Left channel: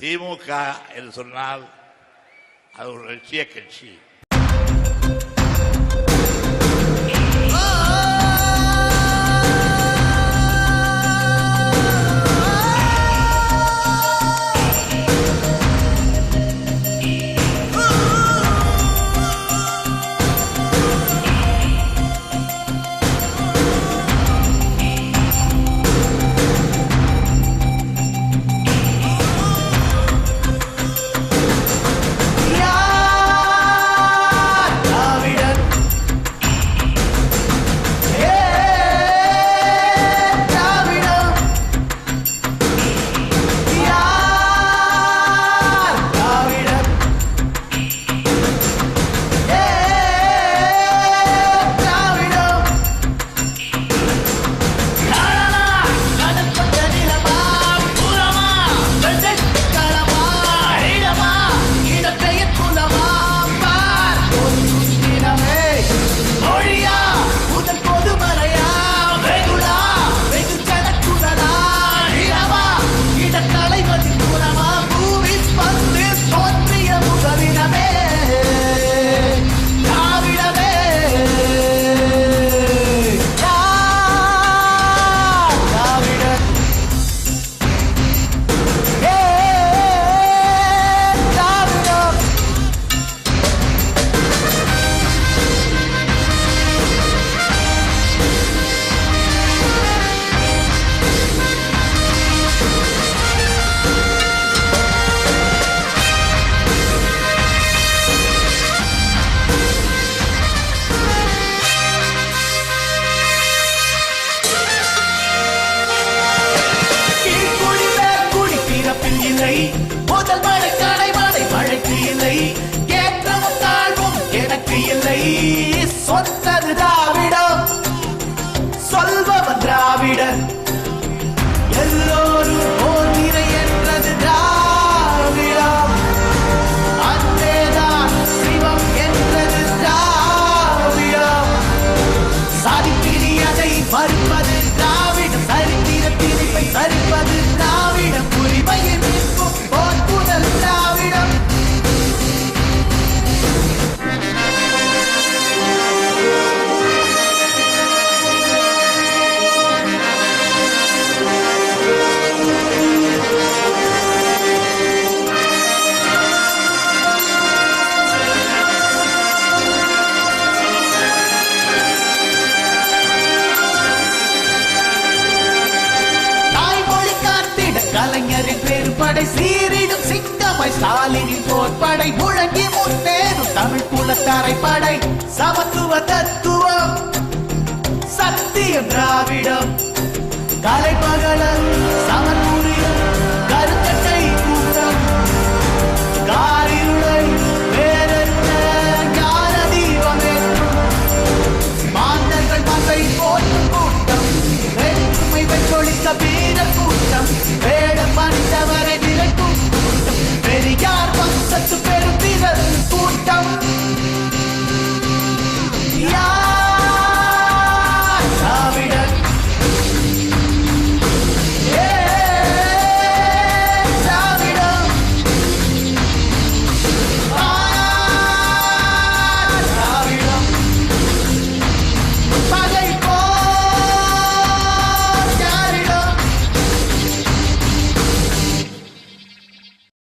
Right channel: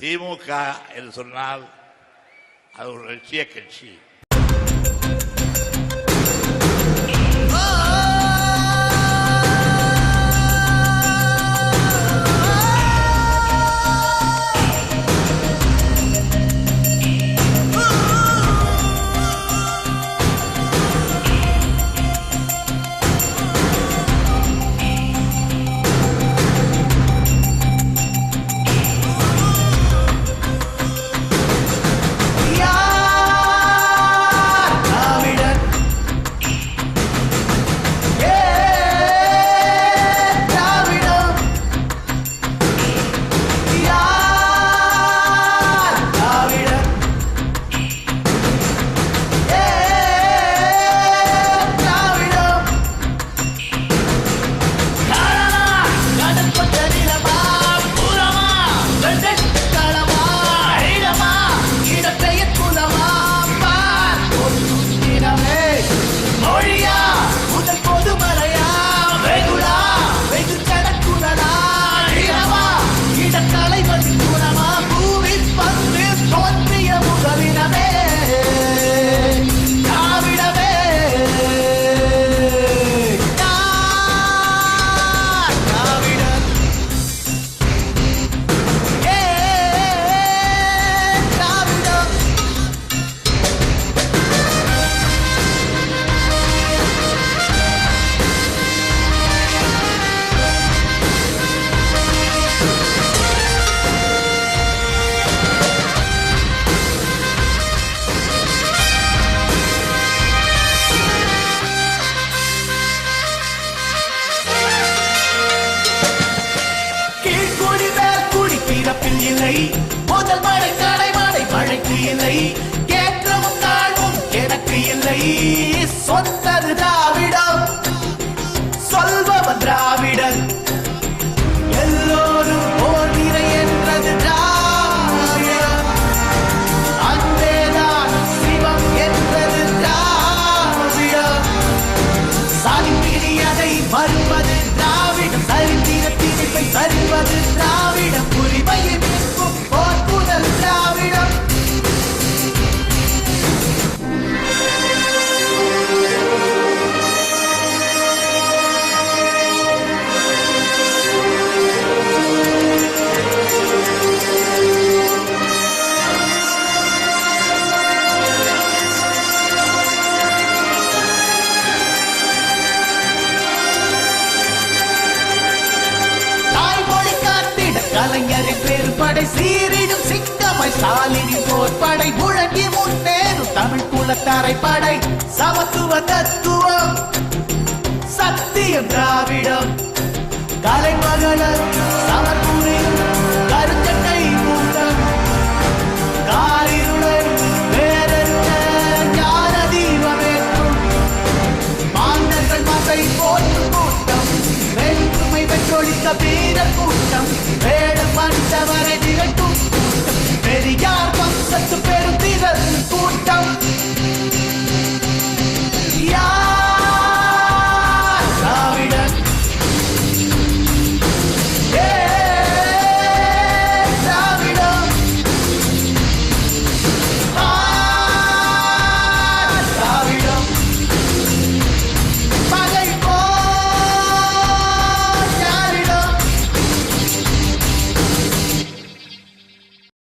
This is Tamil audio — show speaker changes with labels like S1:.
S1: திமுக என்று சொன்னால் அது ஒரு லட்சிய கட்சி.
S2: பிறப்பில் இல்லை. முதல் மழை கடை மழை மழைக்கு இல்லை. கேற்றவும் தாழ்வும் எனக்கு இல்லை. சொத்தது திராவிடம். சொல்பவன் திராவிடன். எல்லோரும் ஓர் நிறை என்றது திராவிடம். அந்தேதான் சிவம் என்றது திராவிடம். சாதிப்பிரி மறுப்பது திராவிடம். சரித்திரத்தில் திணிப்பை சரிப்பது திராவிட உரிமையை கலைஞரின் பெரும்படை சீரிடும் சிங்கமாய் ஸ்டாலினின் போர்படை முழங்கி முன்னேறும் தமிழ் குலத்தாரை படை சமத்துவ தத்துவம் சத்தியம் திராவிடம். கலைமகளர் சமர்புரியும் கருஞ்சட்டை கூட்டம். காரிருளை வேறெடுத்த ஞான தீபமேற்றும் மாந்தர்கள் மகை போற்றும் கூட்டம். வேற்றுமை வெற்றொழித்த வீர கூட்டம் வேடம் அணித்தவரை விரட்டும் கூட்டம். பெரியார் வம்சத்து